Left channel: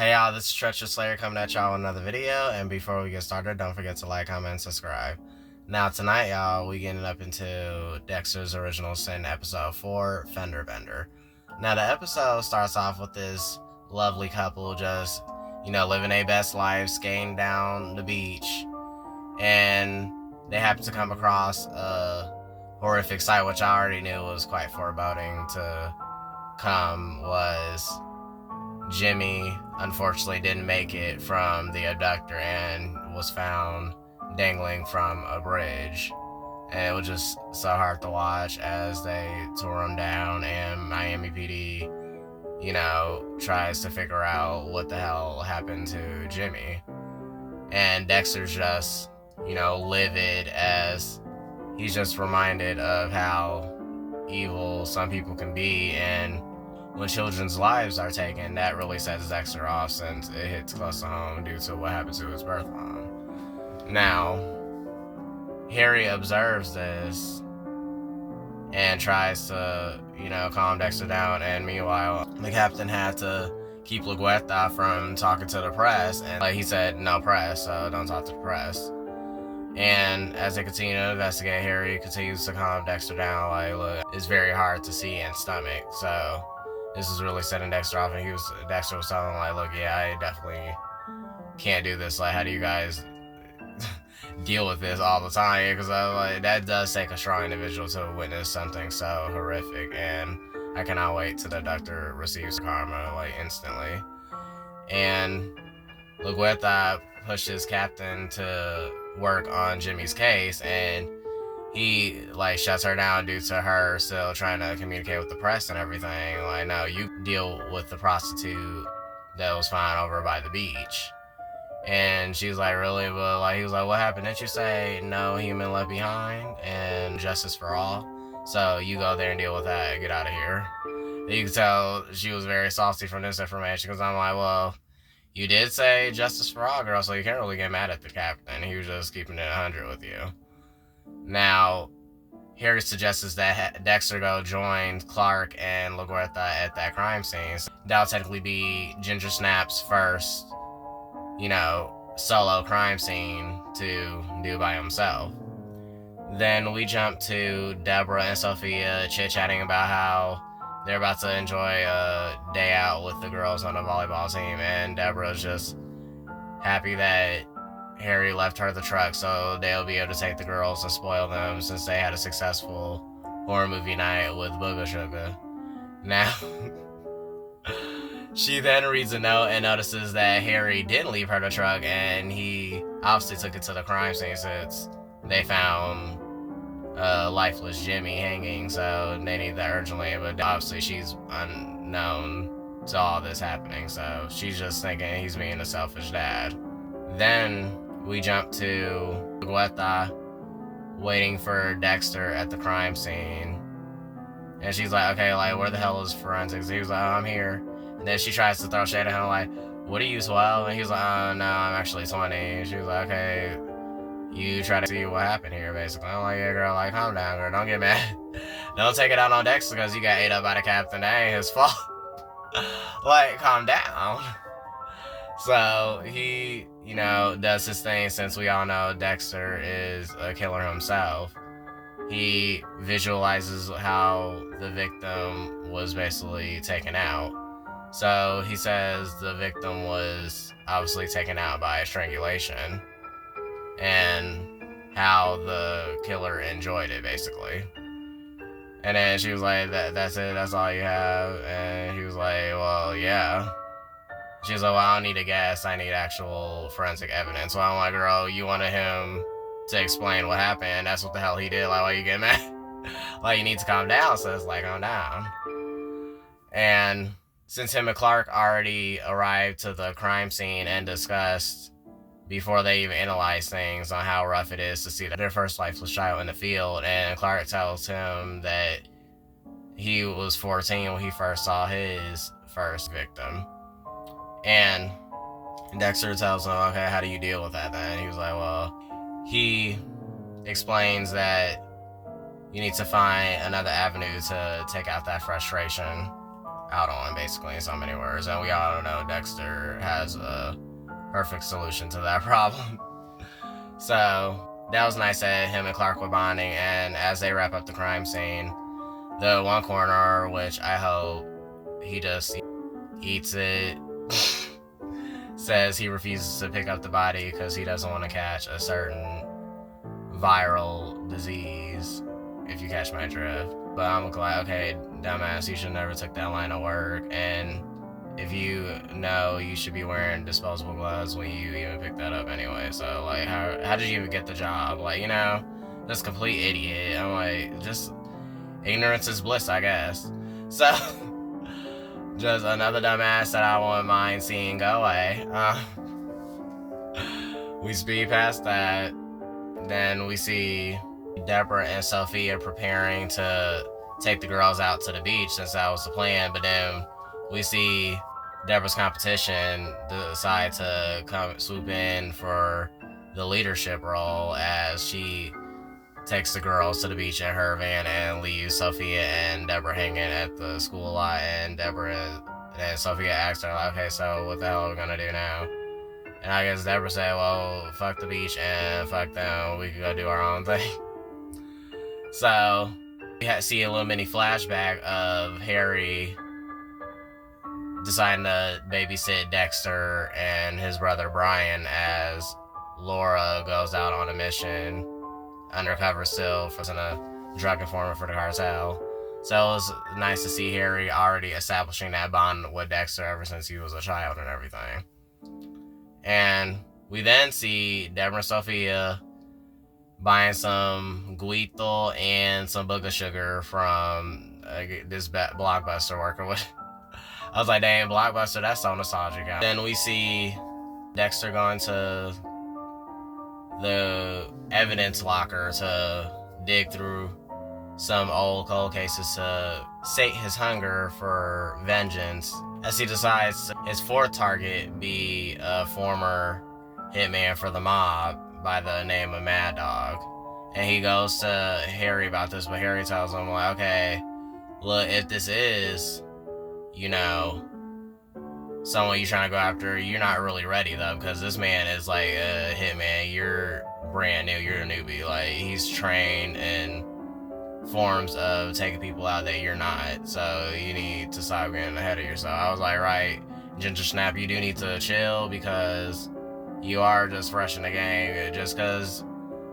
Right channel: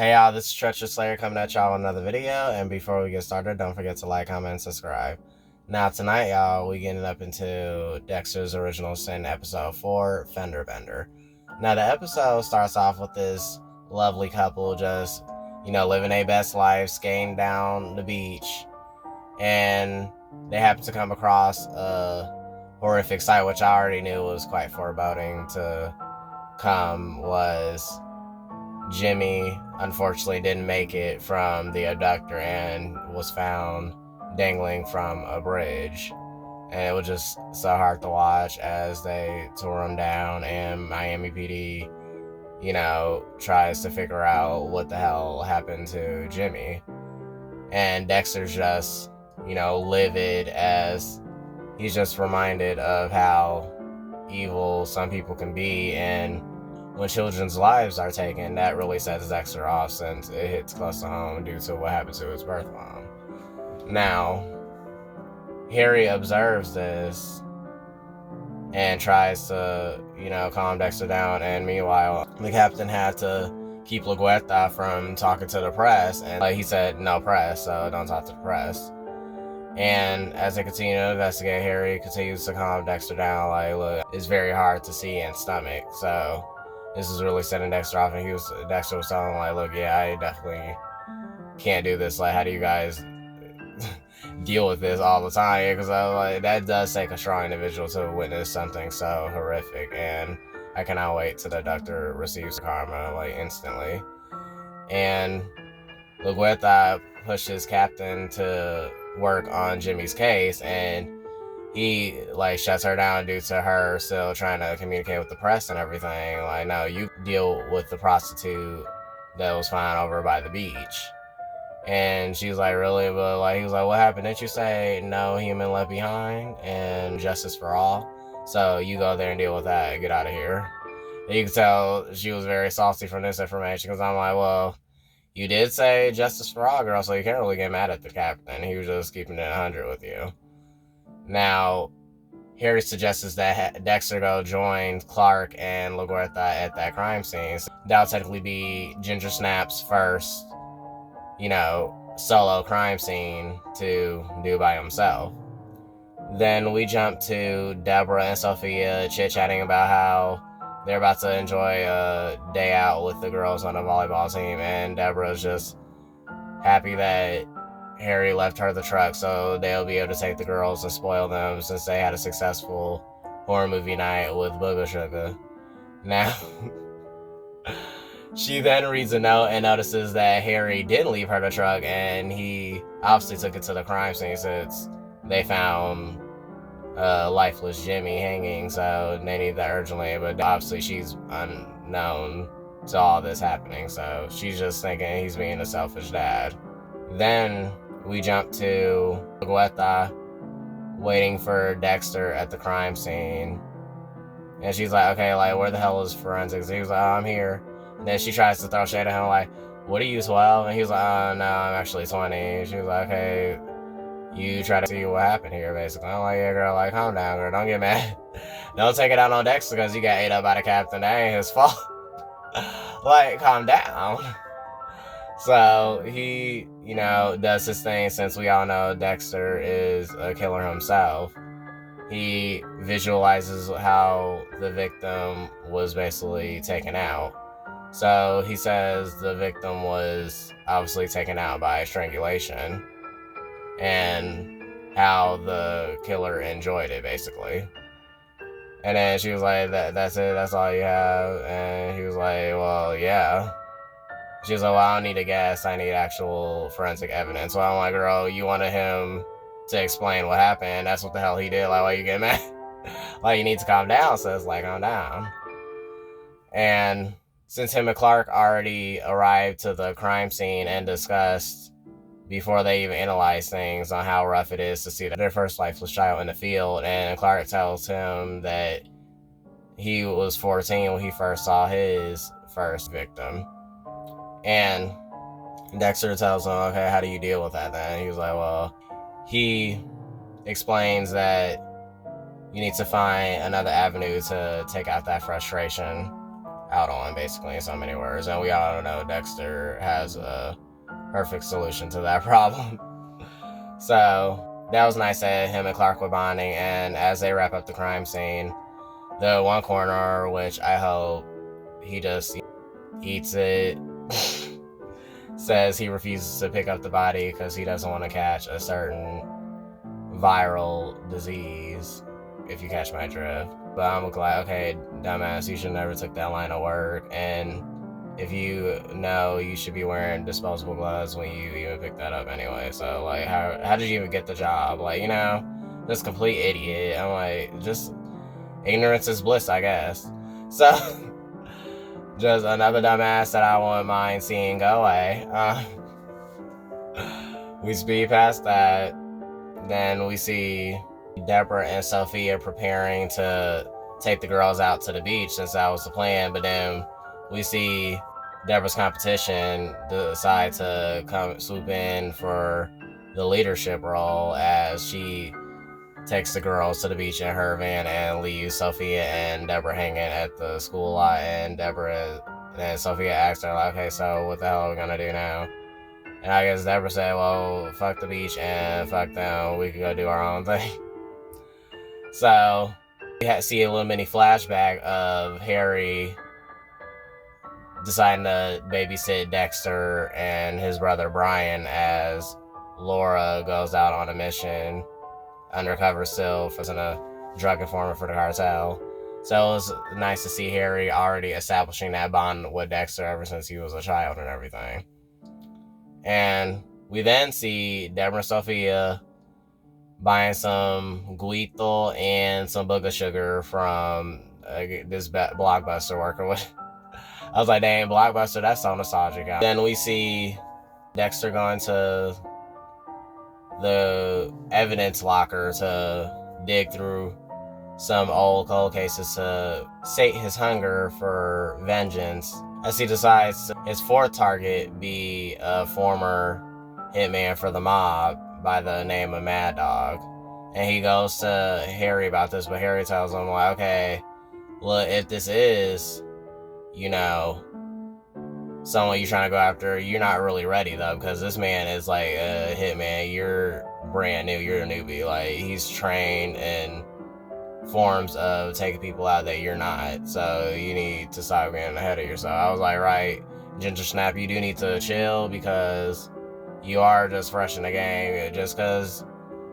Hey y'all, this is Treacherous Slayer coming at y'all with another video, and before we get started, don't forget to like, comment, and subscribe. Now tonight, y'all, we getting up into Dexter's Original Sin episode 4, Fender Bender. Now the episode starts off with this lovely couple just, living their best life, skating down the beach, and they happen to come across a horrific sight, which I already knew was quite foreboding to come, was Jimmy unfortunately didn't make it from the abductor and was found dangling from a bridge. And it was just so hard to watch as they tore him down, and Miami PD, tries to figure out what the hell happened to Jimmy. And Dexter's just, livid as he's just reminded of how evil some people can be, and when children's lives are taken, that really sets Dexter off since it hits close to home due to what happened to his birth mom. Now, Harry observes this and tries to, calm Dexter down, and meanwhile, the captain had to keep Laguerta from talking to the press, and he said, no press, so don't talk to the press. And as they continue to investigate, Harry continues to calm Dexter down, like, look, it's very hard to see and stomach, so this is really setting Dexter off, and Dexter was telling him, like, look, yeah, I definitely can't do this. Like, how do you guys deal with this all the time? Because that does take a strong individual to witness something so horrific, and I cannot wait till the doctor receives karma, like, instantly. And Laguerta pushes Captain to work on Jimmy's case, and he shuts her down due to her still trying to communicate with the press and everything. Like, no, you deal with the prostitute that was found over by the beach. And she's like, really? But he was like, what happened? Didn't you say no human left behind and justice for all? So you go there and deal with that and get out of here. And you can tell she was very salty from this information, because I'm like, well, you did say justice for all, girl, so you can't really get mad at the captain. He was just keeping it 100 with you. Now, Harry suggests that Dexter go join Clark and Laguerta at that crime scene. So that'll technically be Gingersnap's first, solo crime scene to do by himself. Then we jump to Deborah and Sophia chit-chatting about how they're about to enjoy a day out with the girls on the volleyball team, and Deborah's just happy that Harry left her the truck so they'll be able to take the girls and spoil them since they had a successful horror movie night with Booga Sugar. Now, she then reads a note and notices that Harry didn't leave her the truck, and he obviously took it to the crime scene since they found lifeless Jimmy hanging, so they need that urgently. But obviously she's unknown to all this happening, so she's just thinking he's being a selfish dad. Then we jump to Laguerta waiting for Dexter at the crime scene. And she's like, okay, where the hell is forensics? He was like, oh, I'm here. And then she tries to throw shade at him, like, what are you, 12? And he's like, oh, no, I'm actually 20. And she was like, okay, you try to see what happened here, basically. I'm like, yeah, girl, calm down, girl. Don't get mad. Don't take it out on Dexter because you got ate up by the captain. That ain't his fault. Calm down. So he, does his thing, since we all know Dexter is a killer himself. He visualizes how the victim was basically taken out. So he says the victim was obviously taken out by strangulation, and how the killer enjoyed it, basically. And then she was like, that's it? That's all you have? And he was like, well, yeah. She's like, well, I don't need a guess. I need actual forensic evidence. So I'm like, girl, you wanted him to explain what happened. That's what the hell he did. Why you get mad? You need to calm down. So it's like, calm down. And since him and Clark already arrived to the crime scene and discussed before they even analyze things on how rough it is to see their first lifeless child in the field, and Clark tells him that he was 14 when he first saw his first victim. And Dexter tells him, okay, how do you deal with that then? And he was like, well, he explains that you need to find another avenue to take out that frustration. out on, basically, in so many words. And we all know Dexter has a perfect solution to that problem. So that was nice that him and Clark were bonding, and as they wrap up the crime scene, the one corner, which I hope he just eats it, says he refuses to pick up the body because he doesn't want to catch a certain viral disease, if you catch my drift. But I'm glad, okay, dumbass, you should never took that line of work, and if you know, you should be wearing disposable gloves when you even pick that up anyway. So, like, how did you even get the job? Like, you know, this complete idiot. I'm like, just ignorance is bliss, I guess. So, just another dumbass that I wouldn't mind seeing go away. We speed past that. Then we see Deborah and Sophia preparing to take the girls out to the beach, since that was the plan. But then we see Deborah's competition decide to come swoop in for the leadership role, as she takes the girls to the beach in her van and leaves Sophia and Deborah hanging at the school lot. And Sophia asks her, like, okay, so what the hell are we gonna do now? And I guess Deborah said, well, fuck the beach and fuck them, we could go do our own thing. So we see a little mini flashback of Harry deciding to babysit Dexter and his brother Brian as Laura goes out on a mission, undercover still, for a drug informant for the cartel. So it was nice to see Harry already establishing that bond with Dexter ever since he was a child and everything. And we then see Deborah and Sophia buying some guito and some booger sugar from this Blockbuster worker. I was like, dang, Blockbuster, that's so nostalgic. Then we see Dexter going to the evidence locker to dig through some old cold cases to sate his hunger for vengeance, as he decides his fourth target be a former hitman for the mob by the name of Mad Dog. And he goes to Harry about this, but Harry tells him, like, okay, look, if this is, you know, someone you're trying to go after, you're not really ready, though, because this man is like a hitman. You're brand new, you're a newbie. Like, he's trained in forms of taking people out that you're not, so you need to stop getting ahead of yourself. I was like, right, Gingersnap, you do need to chill, because you are just fresh in the game. Just because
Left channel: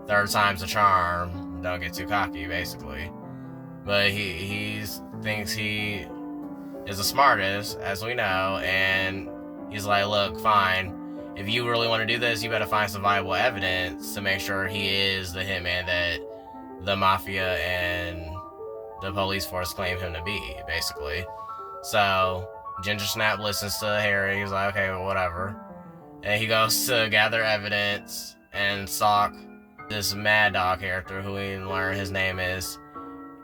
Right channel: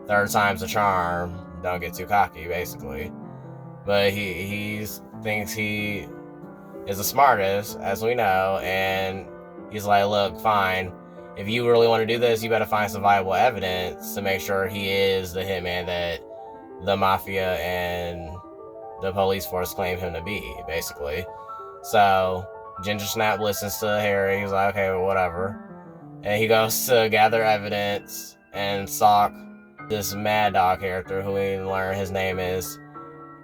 third time's a charm, don't get too cocky, basically. But he thinks he is the smartest, as we know, and he's like, look, fine, if you really want to do this, you better find some viable evidence to make sure he is the hitman that the mafia and the police force claim him to be, basically. So Gingersnap listens to Harry. He's like, okay, well, whatever. And he goes to gather evidence and stalk this Mad Dog character, who we learn his name is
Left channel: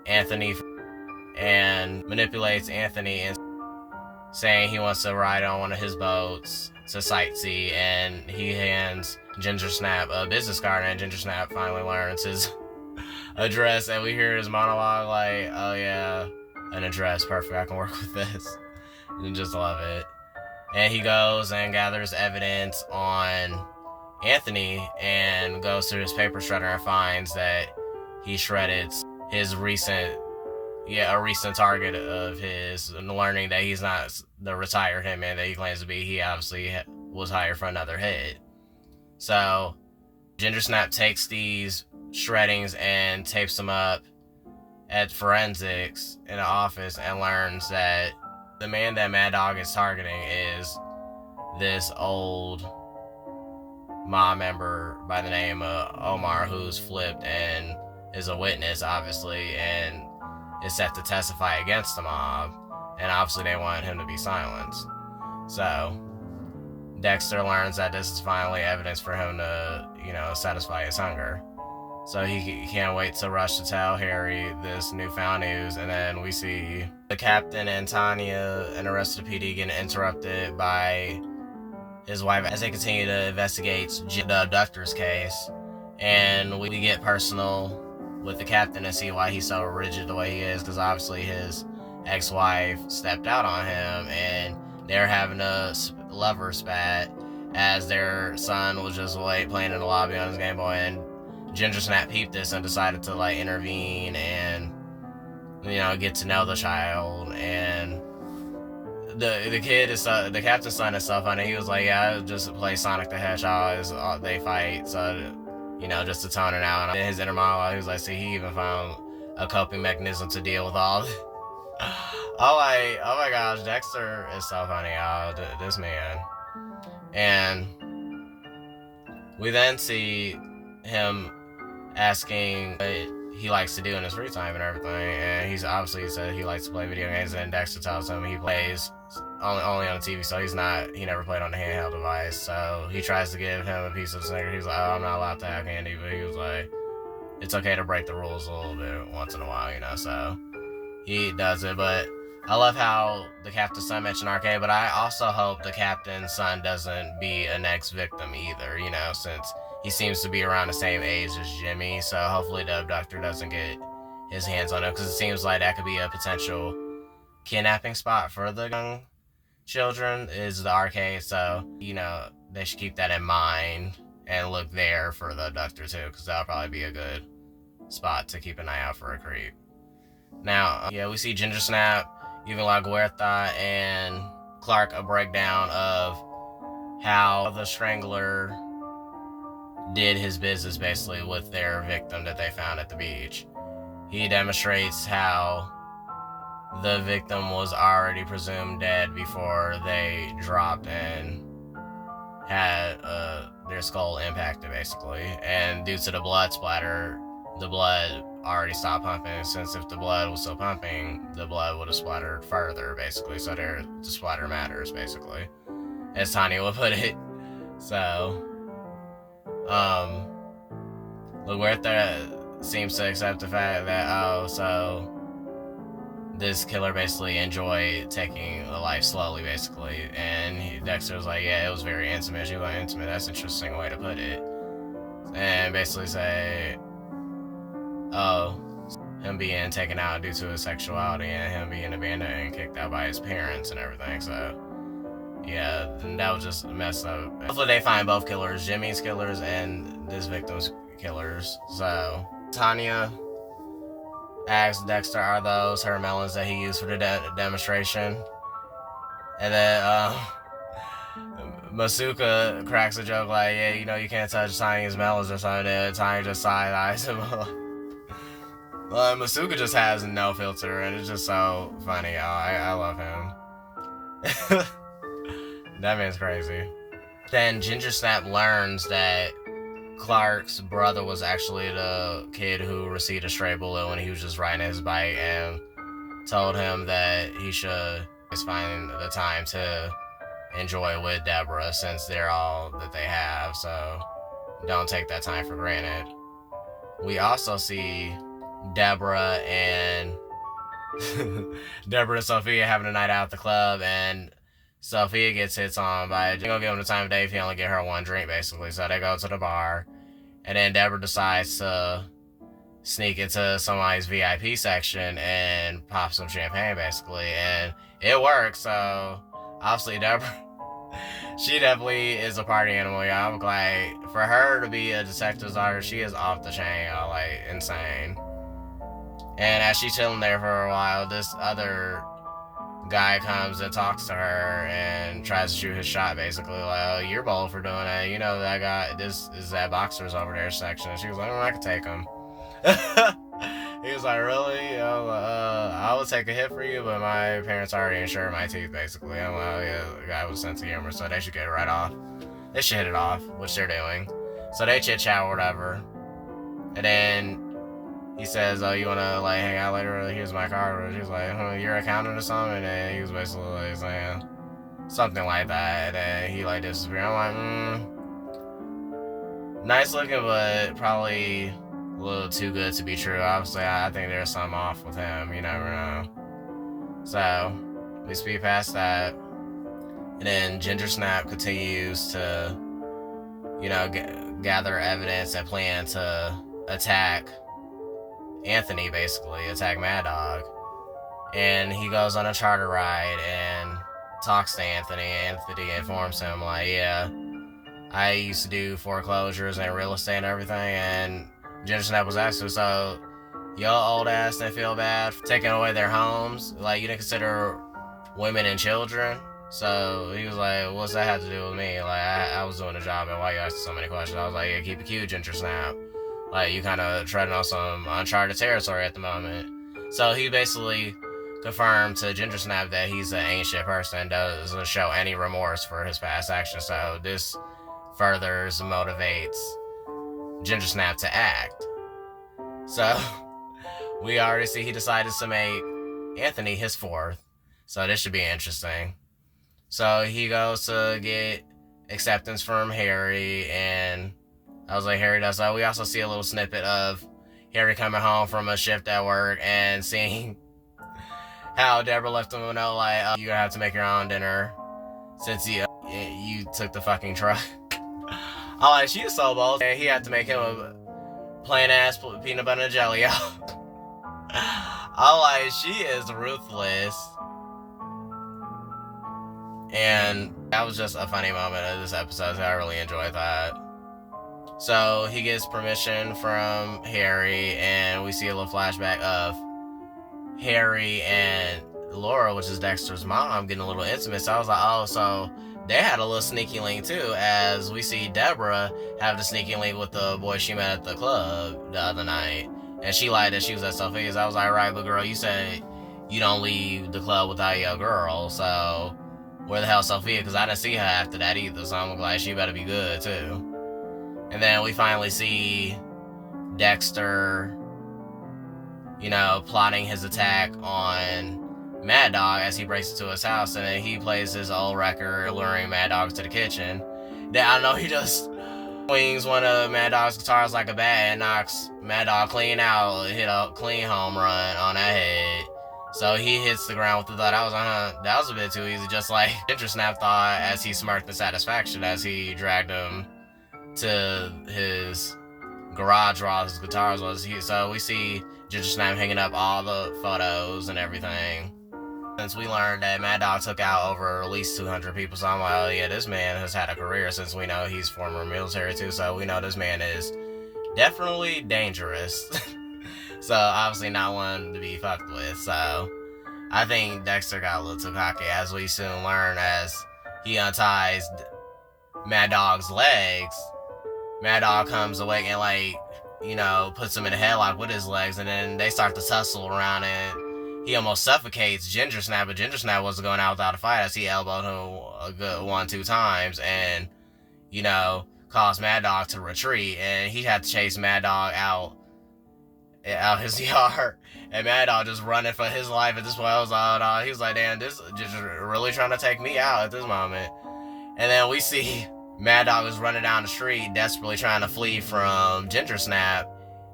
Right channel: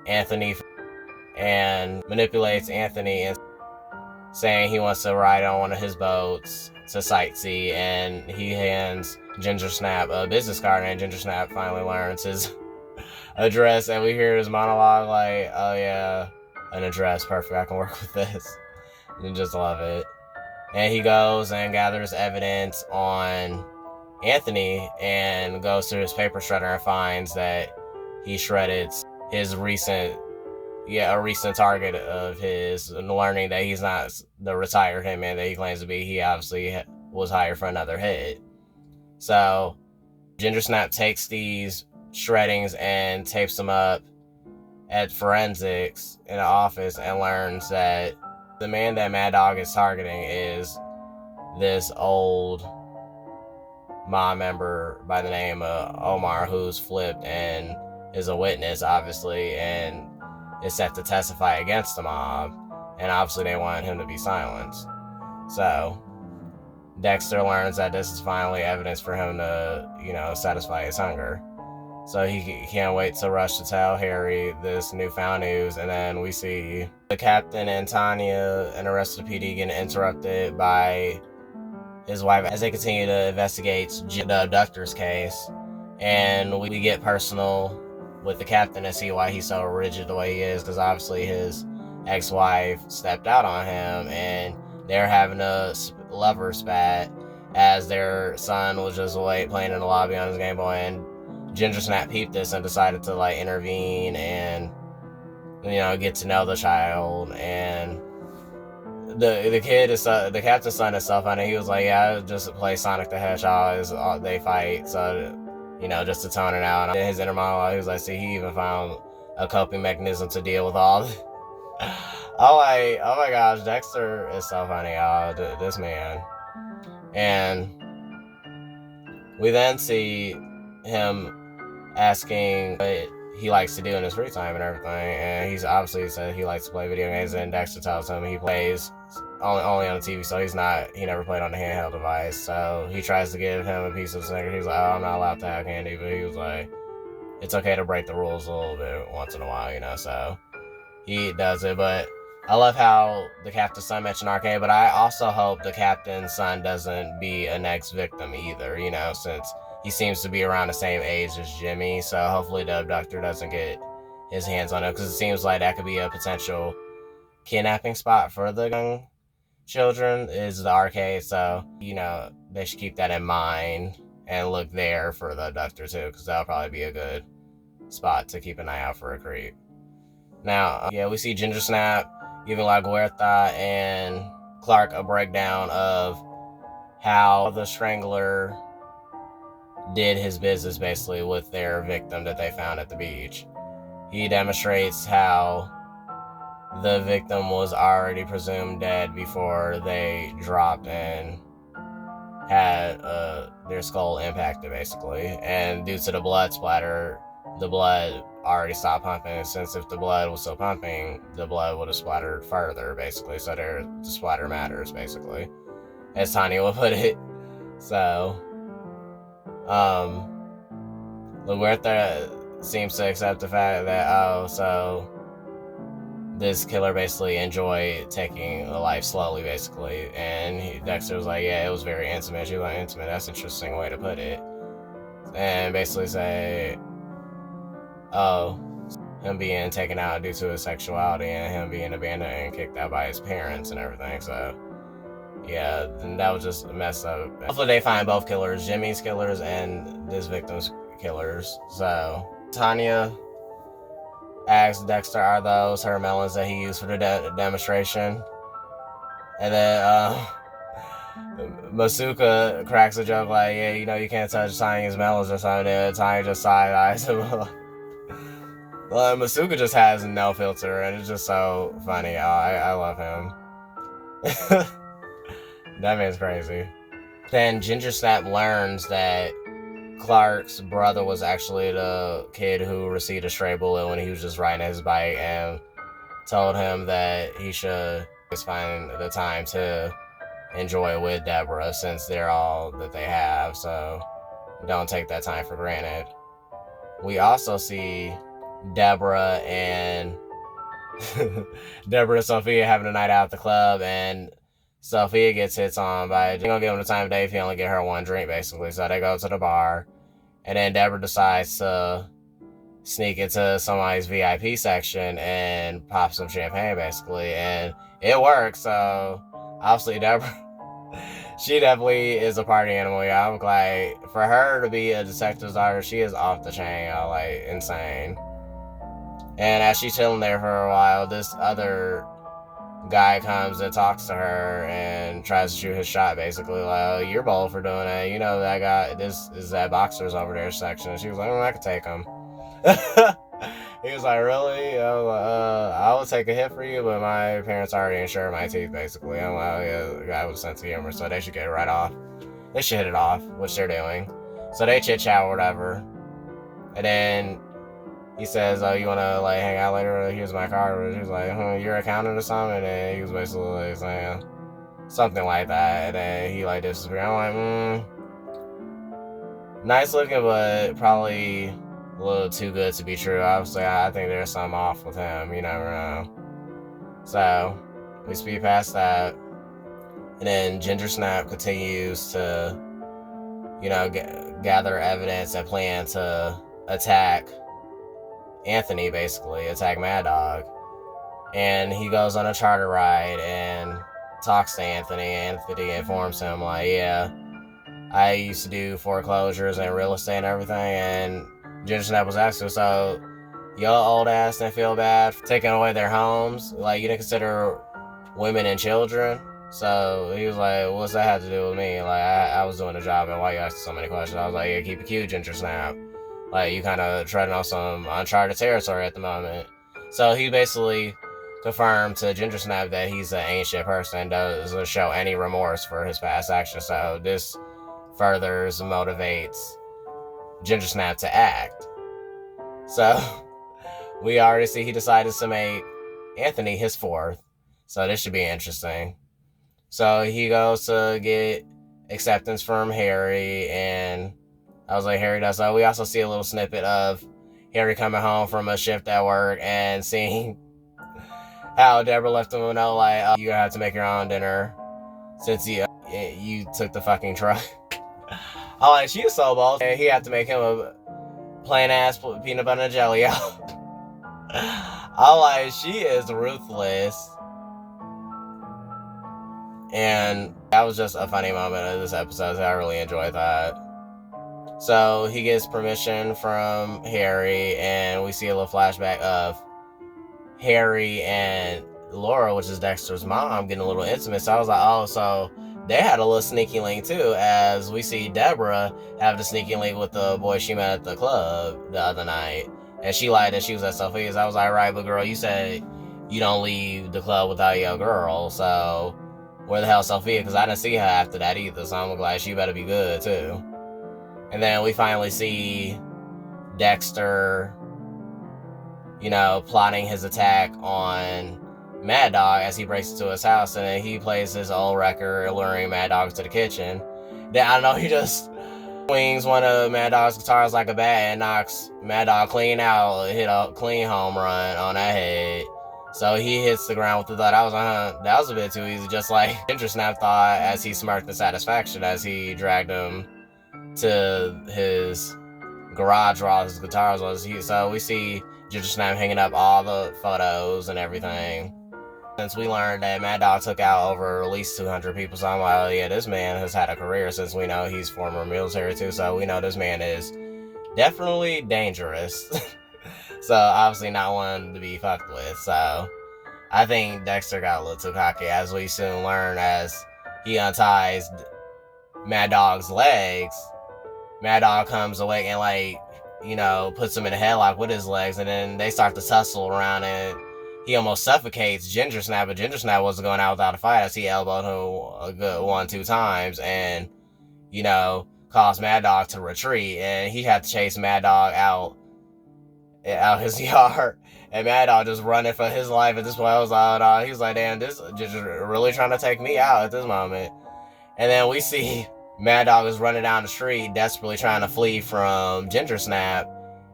Anthony, and manipulates Anthony and saying he wants to ride on one of his boats to sightsee, and he hands Gingersnap a business card, and Gingersnap finally learns his address, and we hear his monologue like, oh yeah, an address, perfect, I can work with this, and just love it. And he goes and gathers evidence on Anthony and goes to his paper shredder and finds that he shredded his recent target of his, learning that he's not the retired hitman that he claims to be. He obviously was hired for another hit. So Gingersnap takes these shreddings and tapes them up at forensics in an office, and learns that the man that Mad Dog is targeting is this old mob member by the name of Omar, who's flipped and is a witness, obviously, and is set to testify against the mob, and obviously they want him to be silenced. So Dexter learns that this is finally evidence for him to, satisfy his hunger. So he can't wait to rush to tell Harry this newfound news. And then we see the captain and Tanya and the rest of the PD getting interrupted by his wife as they continue to investigate the abductor's case. And we get personal with the captain and see why he's so rigid the way he is, because obviously his ex-wife stepped out on him, and they're having a lover spat as their son was just playing in the lobby on his Game Boy, and Gingersnap peeped this and decided to like intervene and, you know, get to know the child. And the kid is the captain's son is so funny. He was like, yeah, I just play Sonic the Hedgehog. They fight, so, you know, just to tone it out. And in his inner monologue, he was like, see, he even found a coping mechanism to deal with all this. Oh my gosh, Dexter is so funny, y'all. This man. And we then see him asking what he likes to do in his free time and everything, and he's obviously said he likes to play video games, and Dexter tells him he plays only on the TV, so he never played on the handheld device. So he tries to give him a piece of the Snickers. He's like, oh, I'm not allowed to have candy, but he was like, it's okay to break the rules a little bit once in a while, you know. So he does it. But I love how the captain's son mentioned arcade, but I also hope the captain's son doesn't be a next victim either, you know, since he seems to be around the same age as Jimmy. So hopefully the abductor doesn't get his hands on him, because it seems like that could be a potential kidnapping spot for the young children, is the arcade. So, you know, they should keep that in mind and look there for the abductor too, because that'll probably be a good spot to keep an eye out for a creep. Now, yeah, we see Gingersnap giving La Guerta and Clark a breakdown of how the Strangler did his business basically with their victim that they found at the beach. He demonstrates how the victim was already presumed dead before they dropped and had their skull impacted basically, and due to the blood splatter, the blood already stopped pumping. Since if the blood was still pumping, the blood would have splattered further basically, so the splatter matters basically, as Tanya would put it. So LaGuerta seems to accept the fact that, so this killer basically enjoyed taking a life slowly basically, and Dexter was like, yeah, it was very intimate. She was like, intimate, that's an interesting way to put it. And basically say, him being taken out due to his sexuality and him being abandoned and kicked out by his parents and everything. So yeah, then that was just messed up. Hopefully they find both killers, Jimmy's killers and this victim's killers. So Tanya asks Dexter, are those her melons that he used for the demonstration? And then Masuka cracks a joke like, yeah, you know, you can't touch Tanya's melons or something. And Tanya just side-eyes him. Masuka just has no filter, and it's just so funny. I love him. That man's crazy. Then Gingersnap learns that Clark's brother was actually the kid who received a stray bullet when he was just riding his bike, and told him that he should just find the time to enjoy with Deborah, since they're all that they have, so don't take that time for granted. We also see Deborah and Sophia having a night out at the club, and Sophia gets hits on by, gonna give him the time of day if he only get her one drink basically. So they go to the bar, and then Deborah decides to sneak into somebody's VIP section and pop some champagne basically, and it works. So obviously Deborah, she definitely is a party animal. Yeah, I'm glad for her to be a detective's daughter. She is off the chain, y'all, like insane. And as she's chilling there for a while, this other guy comes and talks to her and tries to shoot his shot basically, like, oh, you're bold for doing that, you know, that guy, this is that boxer's over there section. And she was like, I can take him. He was like, really? I would take a hit for you, but my parents already insured my teeth basically. I'm like, oh yeah, the guy was sense of humor, so they should get it right off. They should hit it off, which they're doing. So they chit chat or whatever, and then he says, oh, you want to, like, hang out later? Here's my card. He's like, you're accountant or something? And then he was basically, like, saying something like that. And then he, like, disappeared. I'm like, nice looking, but probably a little too good to be true. Obviously, I think there's something off with him. You never know. So, we speed past that. And then Gingersnap continues to, you know, gather evidence and plan to attack Anthony, basically, attack Mad Dog. and he goes on a charter ride and talks to Anthony. Anthony informs him, like, yeah, I used to do foreclosures and real estate and everything, and Gingersnap was asking, so your old ass didn't feel bad for taking away their homes? Like, you didn't consider women and children? So he was like, what's that have to do with me? Like, I was doing a job, and why you asking so many questions? I was like, yeah, keep it cute, Gingersnap. Like, you kind of treading on some uncharted territory at the moment. So he basically confirmed to Gingersnap that he's an ain't shit person and doesn't show any remorse for his past actions. So this furthers motivates Gingersnap to act. So we already see he decided to make Anthony his fourth. So this should be interesting. So he goes to get acceptance from Harry, and I was like, Harry does. So we also see a little snippet of Harry coming home from a shift at work and seeing how Deborah left him a note like, you're gonna have to make your own dinner since you took the fucking truck. I'm like, she is so bold. He had to make him a plain ass peanut butter and jelly. I'm like, she is ruthless. And that was just a funny moment of this episode, so I really enjoyed that. So he gets permission from Harry, and we see a little flashback of Harry and Laura, which is Dexter's mom, getting a little intimate. So I was like, oh, so they had a little sneaky link too, as we see Deborah have the sneaky link with the boy she met at the club the other night. And she lied that she was at Sophia's. I was like, right, but girl, you said you don't leave the club without your girl, so where the hell is Sophia? Because I didn't see her after that either, so I'm like, she better be good too. And then we finally see Dexter, plotting his attack on Mad Dog as he breaks into his house, and then he plays his old record, luring Mad Dog to the kitchen. Then, I don't know, he just swings one of Mad Dog's guitars like a bat and knocks Mad Dog clean out, hit a clean home run on that head. So he hits the ground with the thought. I was like, that was a bit too easy, just like Gingersnap thought as he smirked in satisfaction as he dragged him to his garage where all his guitars was. So we see Gingersnap hanging up all the photos and everything. Since we learned that Mad Dog took out over at least 200 people, so I'm like, oh yeah, this man has had a career, since we know he's former military too, so we know this man is definitely dangerous. So obviously not one to be fucked with. So I think Dexter got a little too cocky, as we soon learn as he unties Mad Dog's legs. Mad Dog comes awake and puts him in a headlock with his legs, and then they start to tussle around, and he almost suffocates Gingersnap, but Gingersnap wasn't going out without a fight as he elbowed him a good 1-2 times and, caused Mad Dog to retreat, and he had to chase Mad Dog out his yard, and Mad Dog just running for his life at this point. I was like, oh, no. He was like, damn, this just really trying to take me out at this moment. And then we see Mad Dog is running down the street, desperately trying to flee from Gingersnap.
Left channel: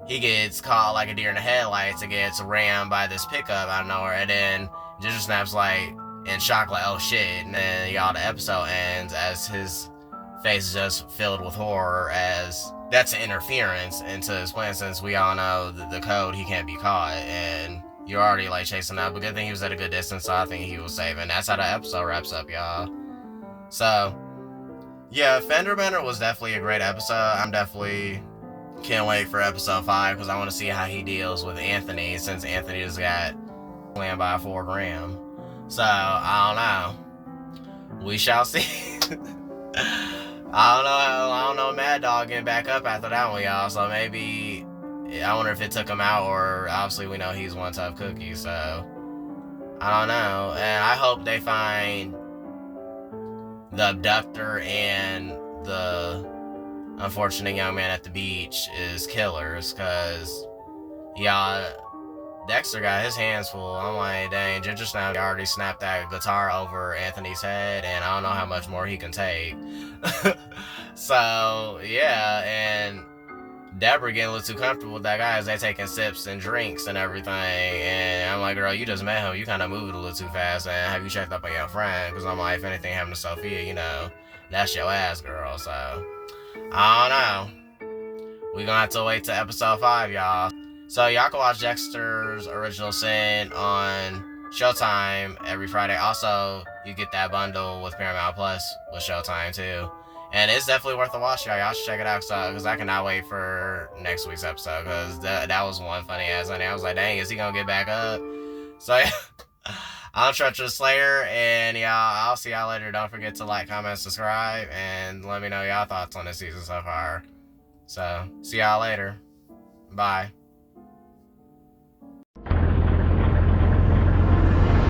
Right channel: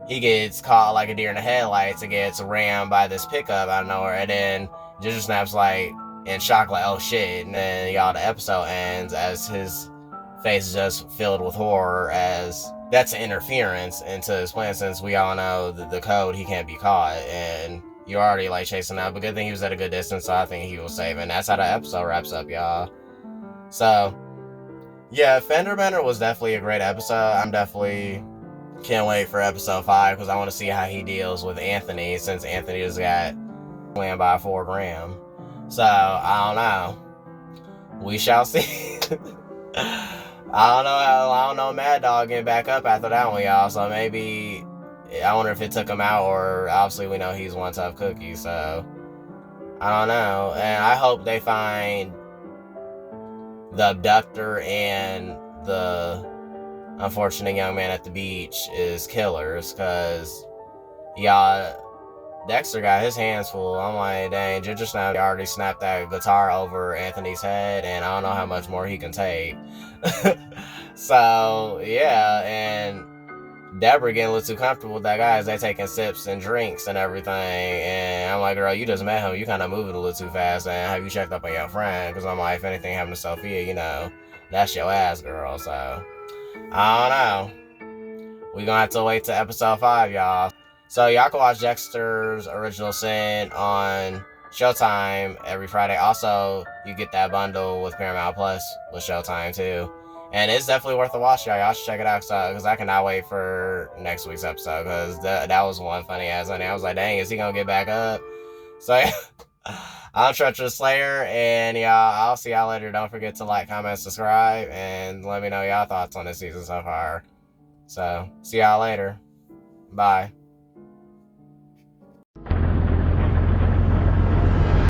He gets caught like a deer in the headlights and gets rammed by this pickup out of nowhere. And then Gingersnap's like in shock, like, oh shit. And then the episode ends as his face is just filled with horror, as that's an interference into his plan, since we all know the code, he can't be caught, and you're already chasing out. But good thing he was at a good distance, so I think he was safe. And that's how the episode wraps up, y'all. So yeah, Fender Bender was definitely a great episode. I'm definitely can't wait for episode 5, because I want to see how he deals with Anthony, since Anthony just got slammed by 4 gram. So I don't know. We shall see. I don't know Mad Dog getting back up after that one, y'all. So maybe, I wonder if it took him out, or obviously we know he's one tough cookie. So I don't know. And I hope they find the abductor and the unfortunate young man at the beach is killers, because Dexter got his hands full. I'm like, dang, Gingersnap already snapped that guitar over Anthony's head, and I don't know how much more he can take. So yeah, and Deborah getting a little too comfortable with that guy as they taking sips and drinks and everything. And I'm like, girl, you just met him. You kind of moving a little too fast. And have you checked up on your friend? Because I'm like, if anything happened to Sophia, that's your ass, girl. So I don't know. We're gonna have to wait till episode 5, y'all. So y'all can watch Dexter's Original Sin on Showtime every Friday. Also, you get that bundle with Paramount Plus with Showtime too. And it's definitely worth a watch, y'all. Y'all should check it out because I cannot wait for next week's episode because that was one funny ass Sunday. I was like, dang, is he gonna get back up? So yeah. I'm Treacherous Slayer, and y'all, I'll see y'all later. Don't forget to like, comment, subscribe, and let me know y'all thoughts on this season so far. So, see y'all later. Bye.